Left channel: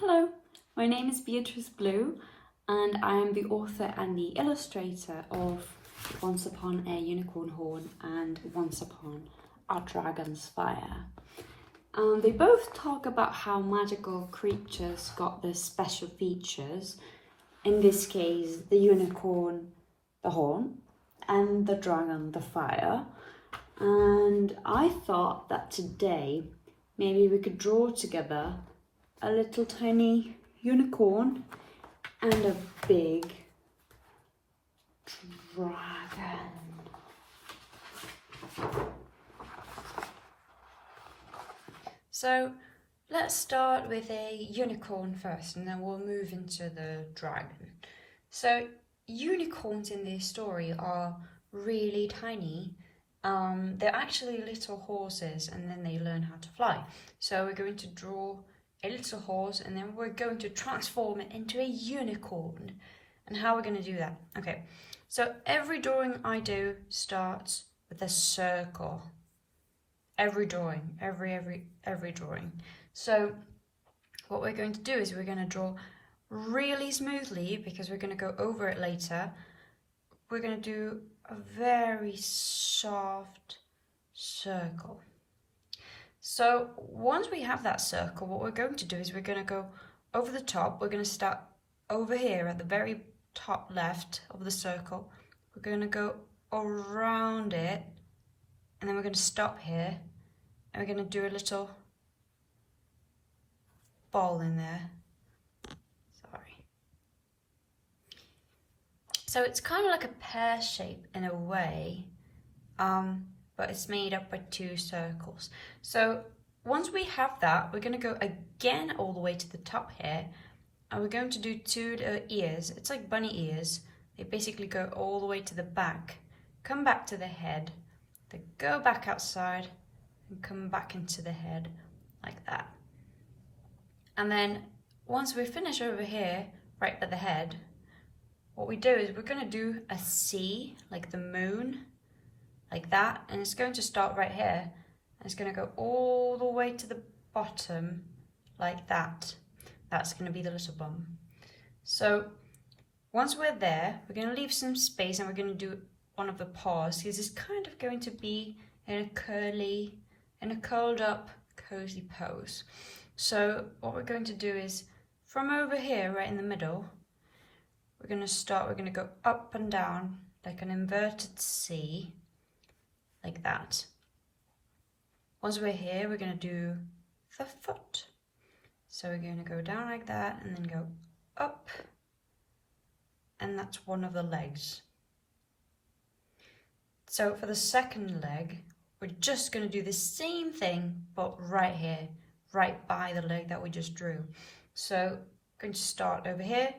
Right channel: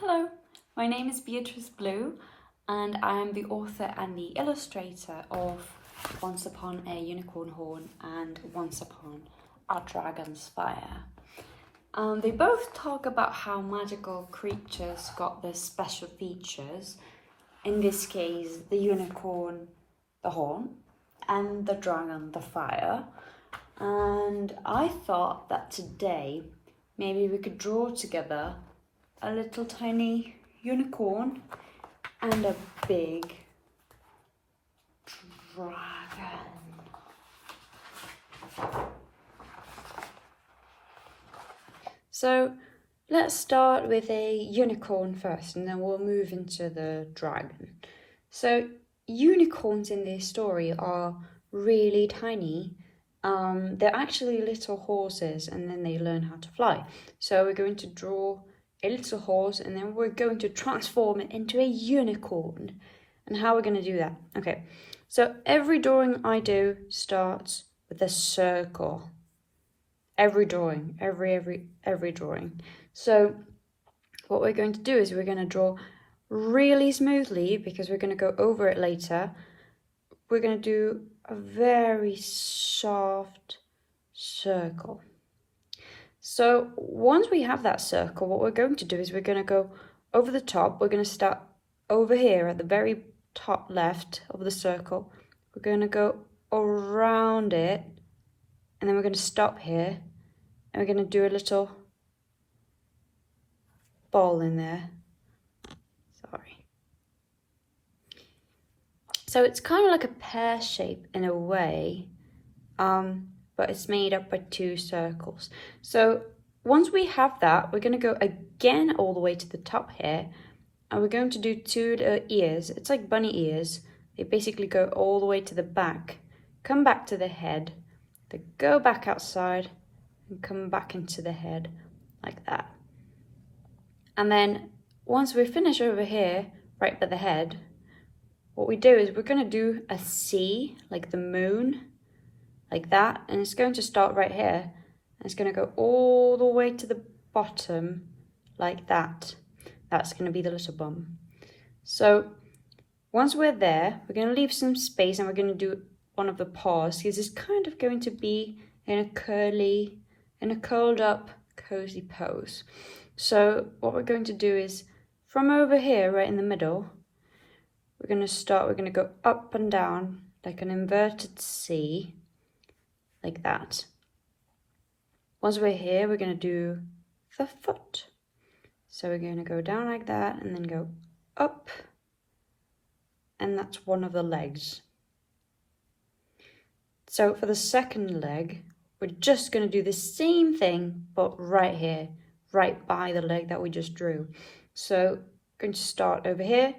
Hello, my name is Beatrice Blue and I am the author and the illustrator of Once Upon a Unicorn Horn and Once Upon a Dragon's Fire. They both talk about how magical creatures got their special features. In this case, the unicorn, the horn, and the dragon, the fire. And I thought that today maybe we could draw together a little tiny unicorn and a big dragon. So let's start with a unicorn first and then we'll move into the dragon. So unicorns in this story are really tiny. They're actually little horses and then they learn how to fly. So we're going to draw a little horse and then we're going to transform it into a unicorn. And how we're going to do that? Okay, so every drawing I do starts with a circle. Every drawing, every drawing. So what we're going to do is we're going to draw really smoothly because we're going to go over it later. We're going to do a very soft circle. So once we have that circle, what we're going to do is we're going to go over the top. We're going to start over here at the very top left of the circle. We're going to go around it and then we're going to stop here and we're going to do a little ball in there. Sorry. So it's kind of like a pear shape in a way, but it's made up by two circles. So once we have that, we're going to go again all the way to the top here, and we're going to do two ears. It's like bunny ears. They basically go all the way to the back, come back to the head, they go back outside and come back into the head like that. And then once we finish over here, right by the head, what we do is we're going to do a C, like the moon, like that, and it's going to start right here, and it's going to go all the way to the bottom, like that. That's going to be the little bum. So once we're there, we're going to leave some space, and we're going to do one of the paws, because it's kind of going to be in a curled up, cozy pose. So what we're going to do is, from over here, right in the middle, we're going to go up and down, like an inverted C, like that. Once we're here, we're going to do the foot. So we're going to go down like that and then go up, and that's one of the legs. So for the second leg, we're just going to do the same thing, but right here, right by the leg that we just drew. So I'm going to start over here,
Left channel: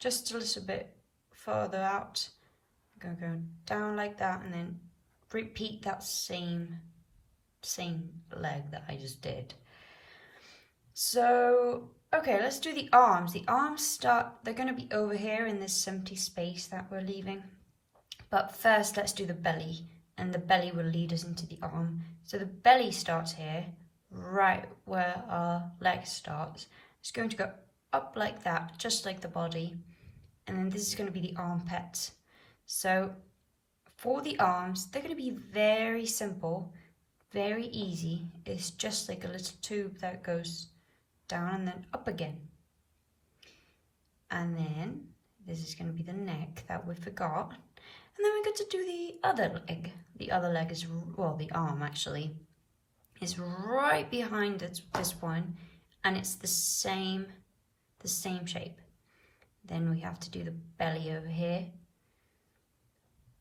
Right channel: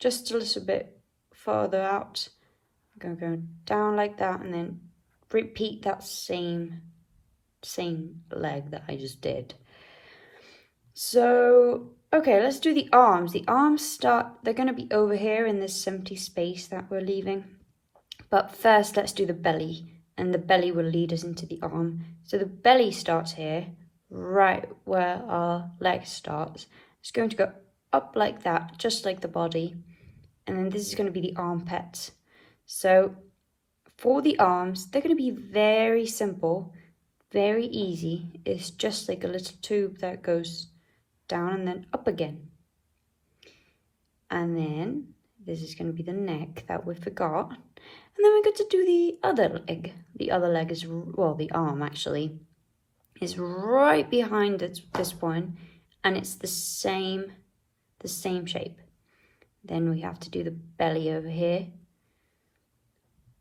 just a little bit further out. I'm going to go down like that and then repeat that same leg that I just did. So, okay, let's do the arms. The arms they're going to be over here in this empty space that we're leaving. But first, let's do the belly, and the belly will lead us into the arm. So the belly starts here, right where our leg starts. It's going to go up like that, just like the body. And then this is going to be the armpits. So for the arms, they're going to be very simple, very easy. It's just like a little tube that goes down and then up again. And then this is going to be the neck that we forgot. And then we're going to do the other leg. The other leg is, well, the arm actually is right behind this one, and it's the same shape. Then we have to do the belly over here.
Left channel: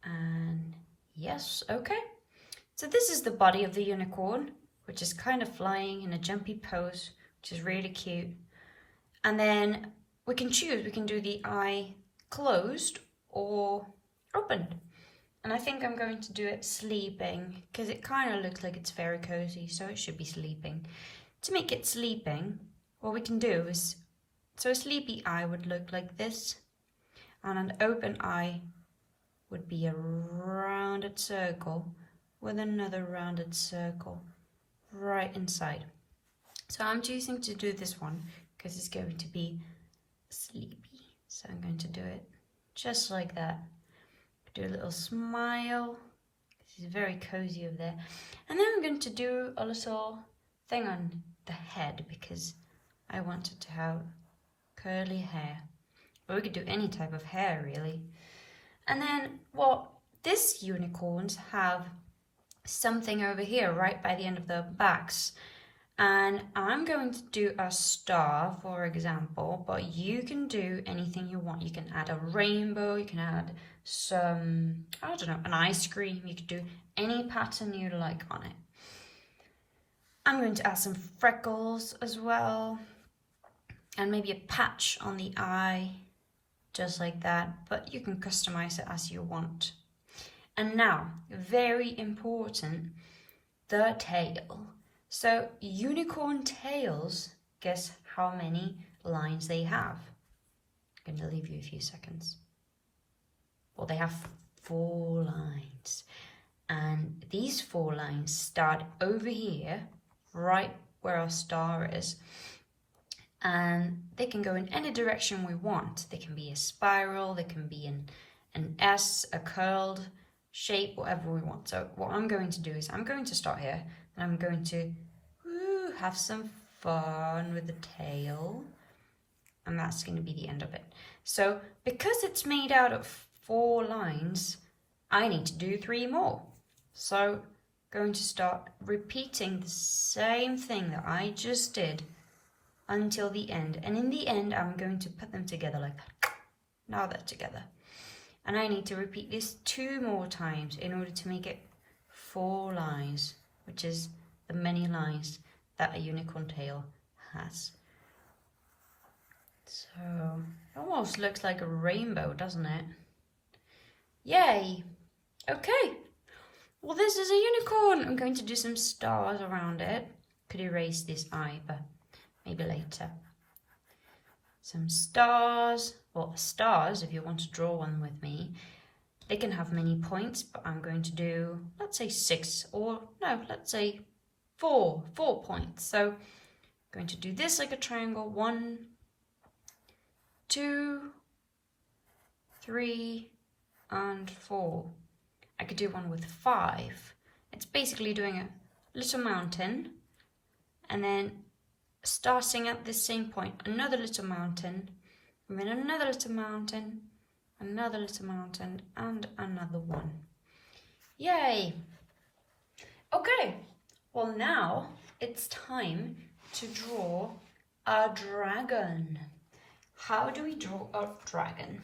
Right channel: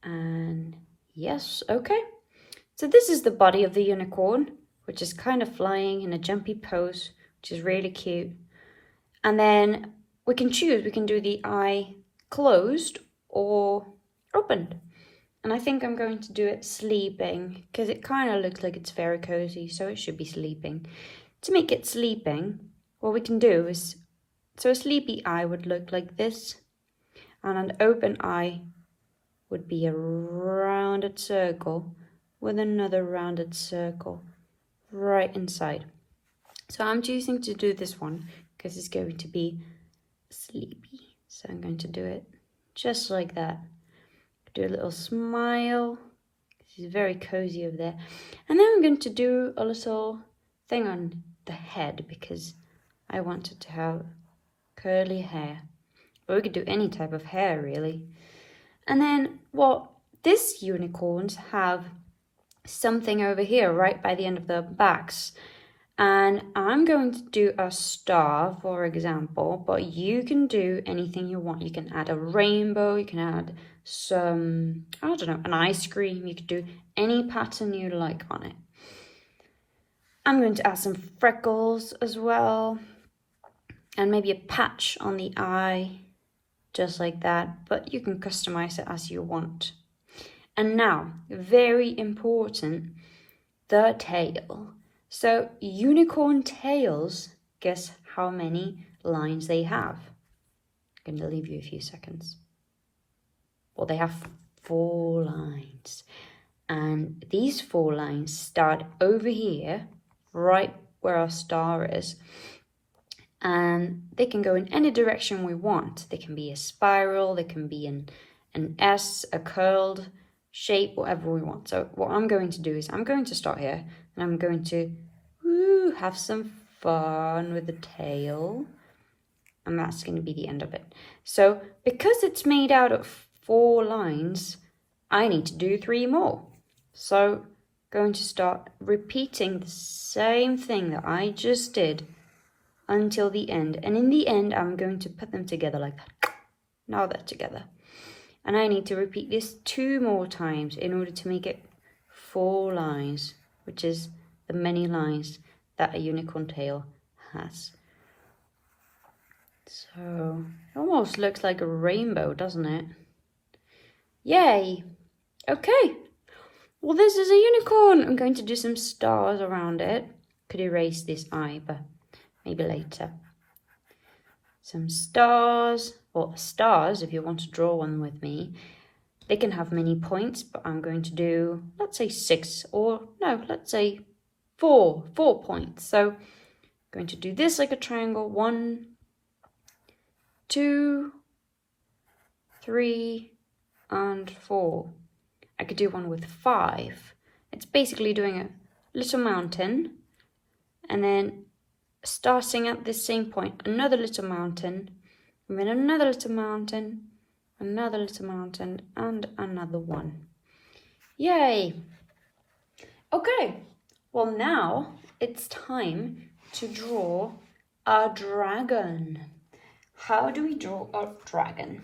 And yes, okay. So this is the body of the unicorn, which is kind of flying in a jumpy pose, which is really cute. And then we can choose, we can do the eye closed or opened. And I think I'm going to do it sleeping, because it kind of looks like it's very cozy, so it should be sleeping. To make it sleeping, what we can do is, so a sleepy eye would look like this, and an open eye would be a rounded circle with another rounded circle right inside. So I'm choosing to do this one because it's going to be sleepy. So I'm going to do it just like that. Do a little smile. She's very cozy over there. And then I'm going to do a little thing on the head because I wanted to have curly hair. But we could do any type of hair really. And then this unicorns have something over here right by the end of their backs. And I'm going to do a star, for example, but you can do anything you want. You can add a rainbow, you can add some, I don't know, an ice cream. You could do any pattern you like on it. I'm going to add some freckles as well, and maybe a patch on the eye, just like that, but you can customize it as you want. And now, very important, the tail. So unicorn tails, guess how many lines they have? I'm going to leave you a few seconds. Well, they have 4 lines. And these 4 lines start over here, right where our star is. And they can go in any direction we want. They can be a spiral, they can be an S, a curled shape, whatever we want. So what I'm going to do is I'm going to start here and I'm going to have some fun with the tail. And that's going to be the end of it. So because it's made out of 4 lines, I need to do 3 more. So going to start repeating the same thing that I just did until the end. And in the end, I'm going to put them together like that. Now they're together. And I need to repeat this 2 more times in order to make it 4 lines, which is the many lines that a unicorn tail has. So it almost looks like a rainbow, doesn't it? Yay! Okay. Well, this is a unicorn. I'm going to do some stars around it. Could erase this eye, but maybe later. Some stars. Well, stars, if you want to draw one with me, they can have many points, but I'm going to do, let's say 6, or no, let's say 4 points. So I'm going to do this like a triangle. 1, 2, 3, and 4. I could do one with 5. It's basically doing a little mountain, and then starting at this same point, another little mountain, and then another little mountain, another little mountain, and another one. Yay! Okay, well now it's time to draw a dragon. How do we draw a dragon?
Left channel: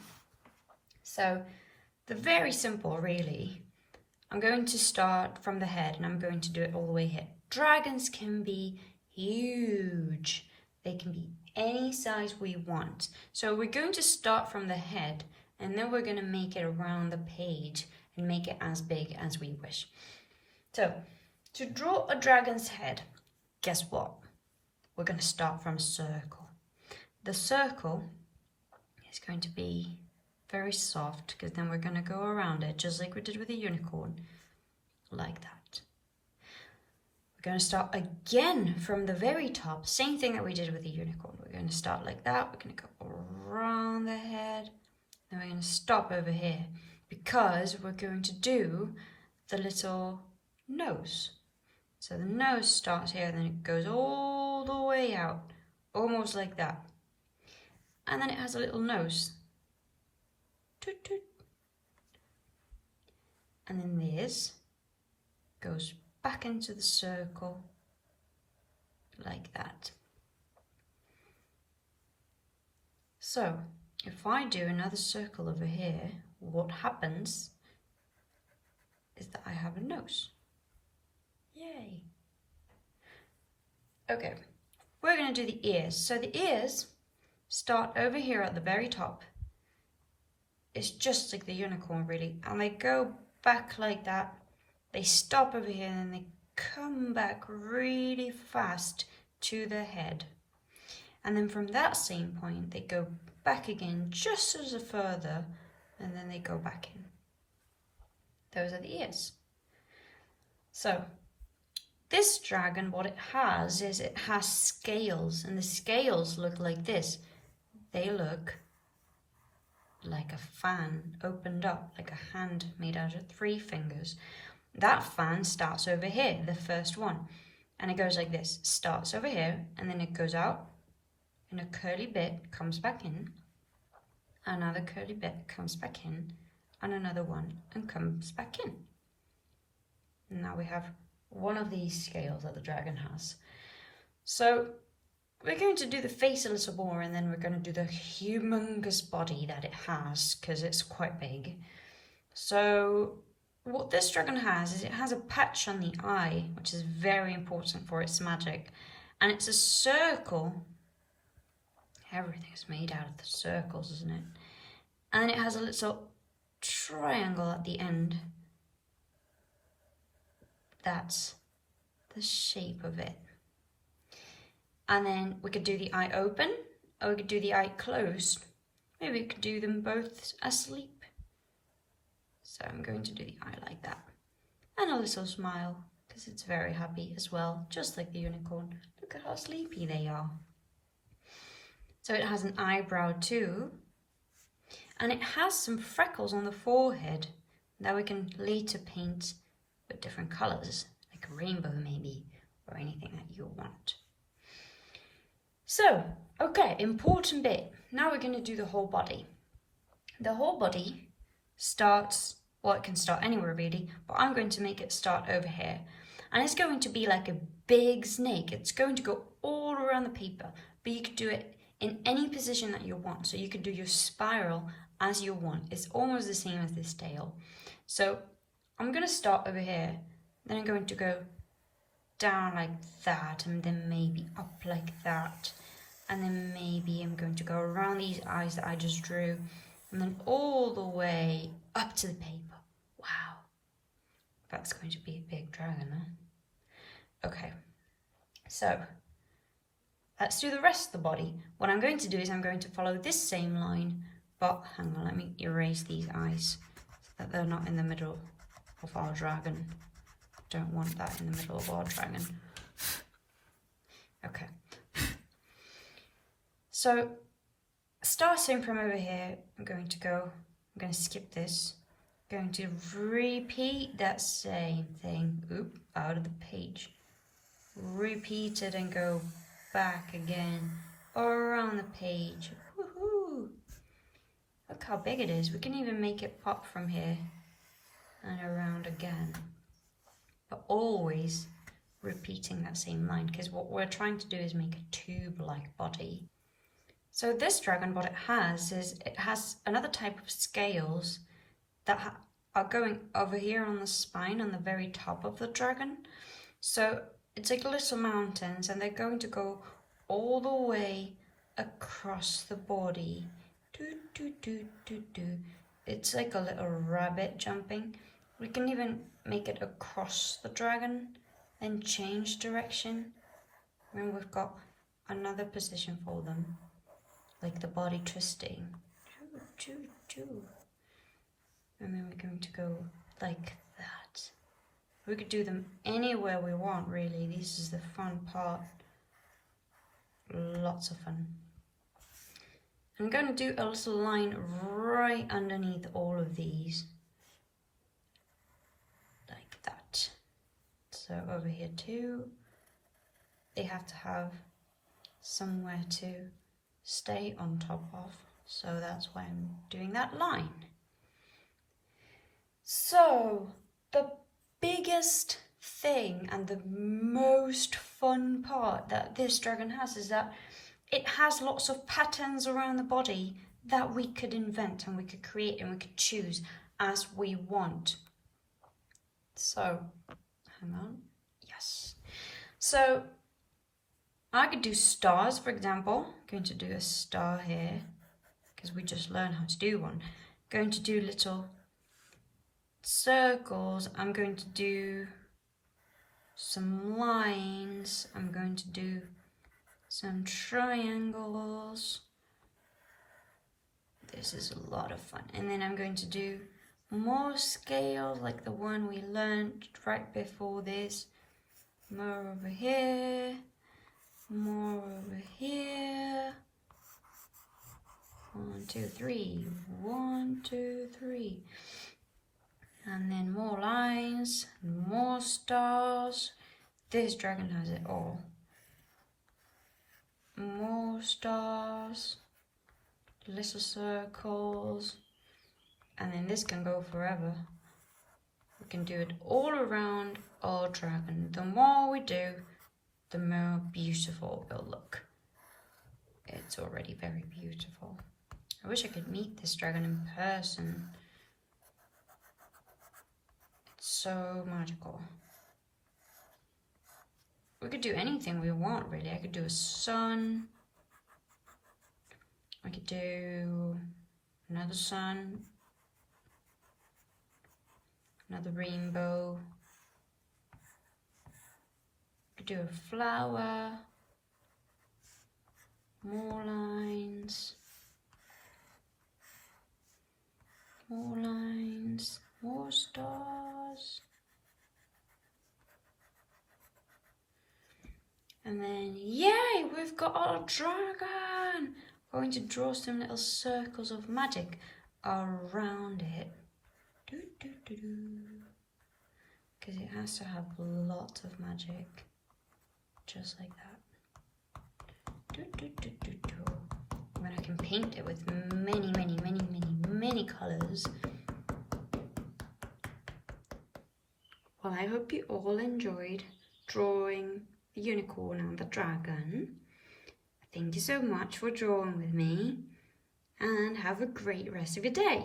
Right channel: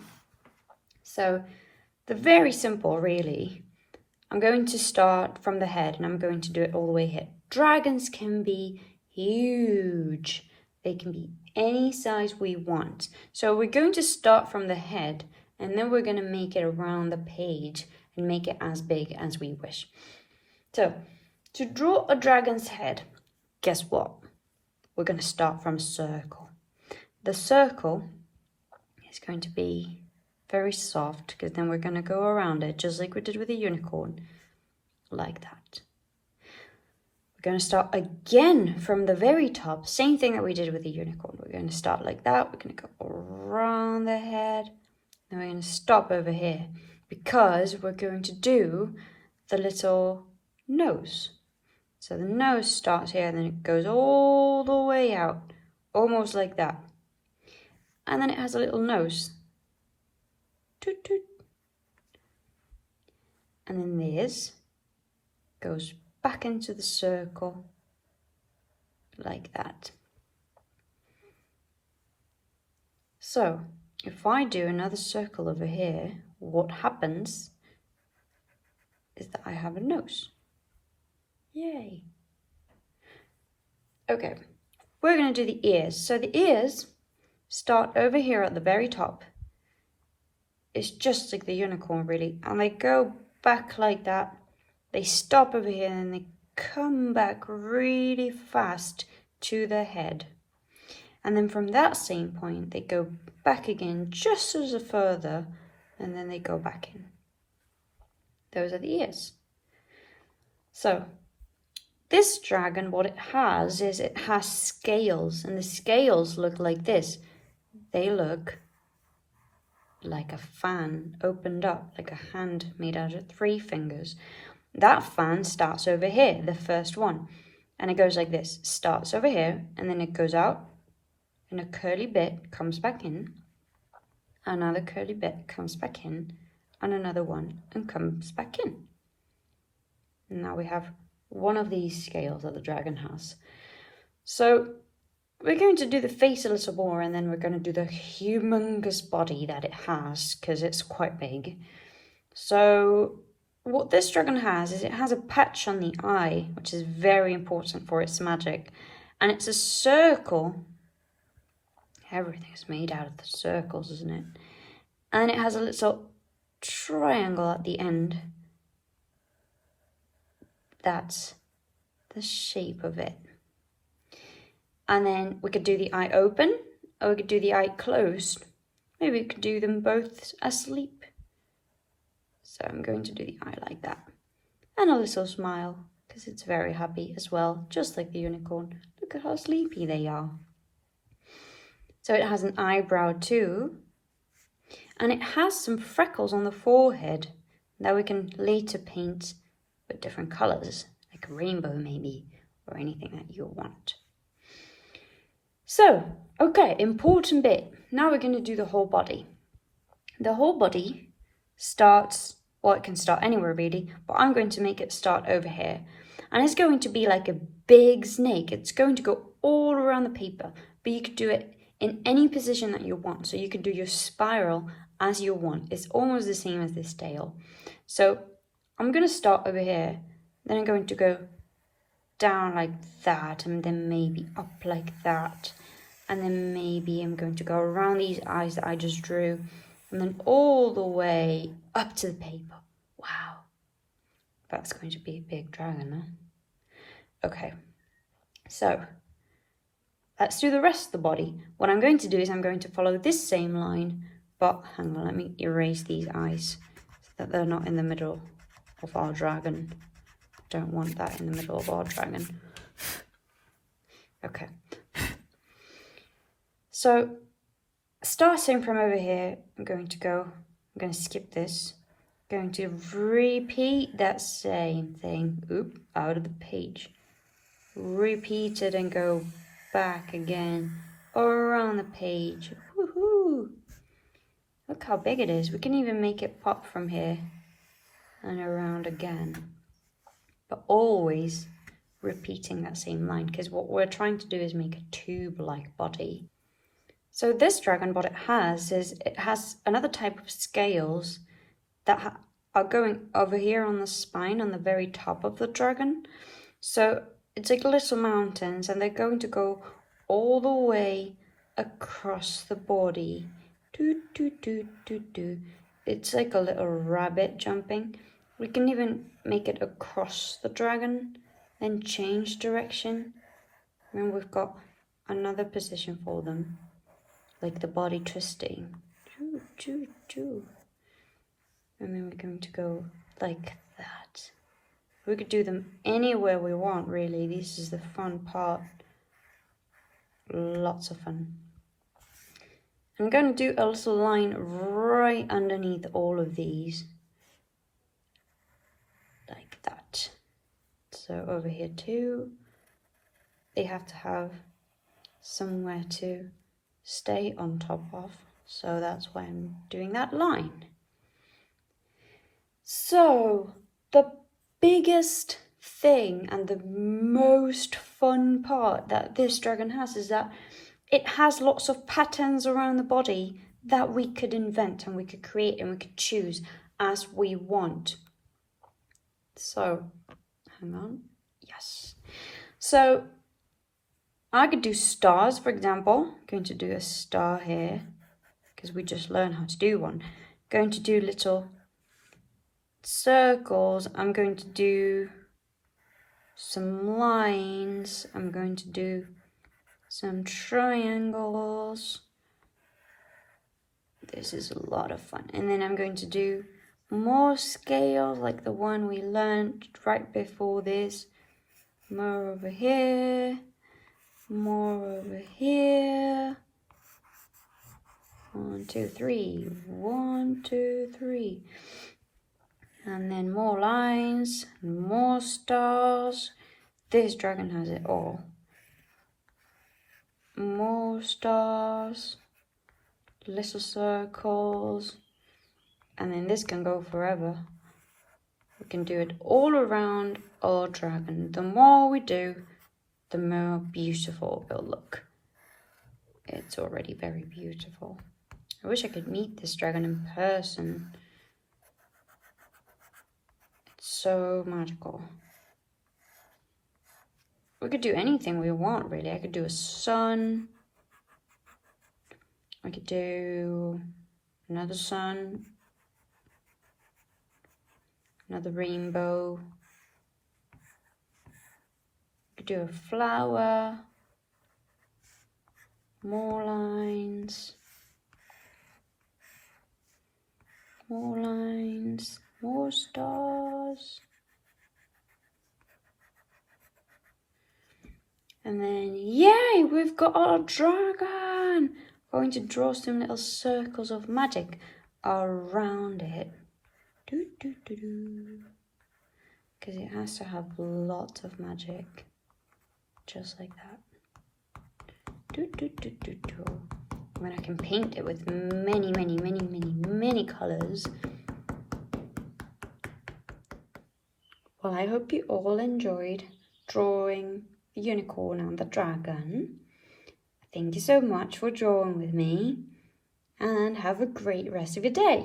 So they're very simple, really. I'm going to start from the head and I'm going to do it all the way here. Dragons can be huge. They can be any size we want. So we're going to start from the head and then we're going to make it around the page and make it as big as we wish. So to draw a dragon's head, guess what? We're going to start from a circle. The circle is going to be very soft because then we're going to go around it just like we did with a unicorn, like that. We're going to start again from the very top, same thing that we did with the unicorn. We're going to start like that, we're going to go around the head, and we're going to stop over here because we're going to do the little nose. So the nose starts here and then it goes all the way out, almost like that. And then it has a little nose. Toot, toot. And then this goes back into the circle like that. So if I do another circle over here, what happens is that I have a nose. Yay. Okay, we're going to do the ears. So the ears start over here at the very top. It's just like the unicorn really, and they go back like that. They stop over here and they come back really fast to the head. And then from that same point, they go back again just as a further, and then they go back in. Those are the ears. So this dragon, what it has is it has scales, and the scales look like this. They look like a fan opened up, like a hand made out of 3 fingers. That fan starts over here, the first one, and it goes like this. Starts over here, and then it goes out, and a curly bit comes back in, another curly bit comes back in, and another one and comes back in. And now we have one of these scales that the dragon has. So we're going to do the face a little more, and then we're going to do the humongous body that it has, because it's quite big. So what this dragon has is it has a patch on the eye, which is very important for its magic. And it's a circle. Everything's made out of the circles, isn't it? And it has a little triangle at the end. That's the shape of it. And then we could do the eye open, or we could do the eye closed. Maybe we could do them both asleep. So I'm going to do the eye like that. And a little smile, because it's very happy as well, just like the unicorn. Look at how sleepy they are. So it has an eyebrow too. And it has some freckles on the forehead that we can later paint with different colours, like a rainbow maybe, or anything that you want. So, okay, important bit. Now we're going to do the whole body. The whole body starts, well, it can start anywhere really, but I'm going to make it start over here. And it's going to be like a big snake. It's going to go all around the paper, but you could do it in any position that you want. So you could do your spiral as you want. It's almost the same as this tail. So I'm going to start over here, then I'm going to go down like that, and then maybe up like that, and then maybe I'm going to go around these eyes that I just drew, and then all the way up to the paper. Wow, that's going to be a big dragon, huh? Okay, so let's do the rest of the body. What I'm going to do is I'm going to follow this same line, but hang on, let me erase these eyes so that they're not in the middle of our dragon. Don't want that in the middle of our dragon. Okay. So, starting from over here, I'm going to skip this. I'm going to repeat that same thing. Oop, out of the page. Repeat it and go back again, around the page. Woohoo! Look how big it is. We can even make it pop from here and around again. But always repeating that same line, because what we're trying to do is make a tube-like body. So this dragon, what it has is it has another type of scales that are going over here on the spine, on the very top of the dragon. So it's like little mountains, and they're going to go all the way across the body. Do, do, do, do, do. It's like a little rabbit jumping. We can even make it across the dragon, then change direction. And we've got another position for them, like the body twisting. Choo, choo, choo. And then we're going to go like that. We could do them anywhere we want, really. This is the fun part. Lots of fun. I'm going to do a little line right underneath all of these. Like that. So over here too, they have to have somewhere to stay on top of. So that's why I'm doing that line. So the biggest thing and the most fun part that this dragon has is that it has lots of patterns around the body that we could invent and we could create and we could choose as we want. So, hang on. Yes. So, I could do stars, for example. I'm going to do a star here because we just learned how to do one. I'm going to do little circles. I'm going to do some lines. I'm going to do some triangles. This is a lot of fun. And then I'm going to do more scales like the one we learned right before this. more over here, more over here. 1, 2, 3, 1, 2, 3. And then more lines, more stars. This dragon has it all. More stars, little circles, and then this can go forever. We can do it all around our dragon. The more we do, the more beautiful it'll look. It's already very beautiful. I wish I could meet this dragon in person. It's so magical. We could do anything we want, really. I could do a sun. I could do another sun. Another rainbow. I could do a flower. More lines. More lines. More stars. And then, yay, we've got our dragon. We're going to draw some little circles of magic around it. Because it has to have lots of magic. Just like that. When I can paint it with many colours. Well, I hope you all enjoyed drawing the unicorn and the dragon. Thank you so much for drawing with me, and have a great rest of your day.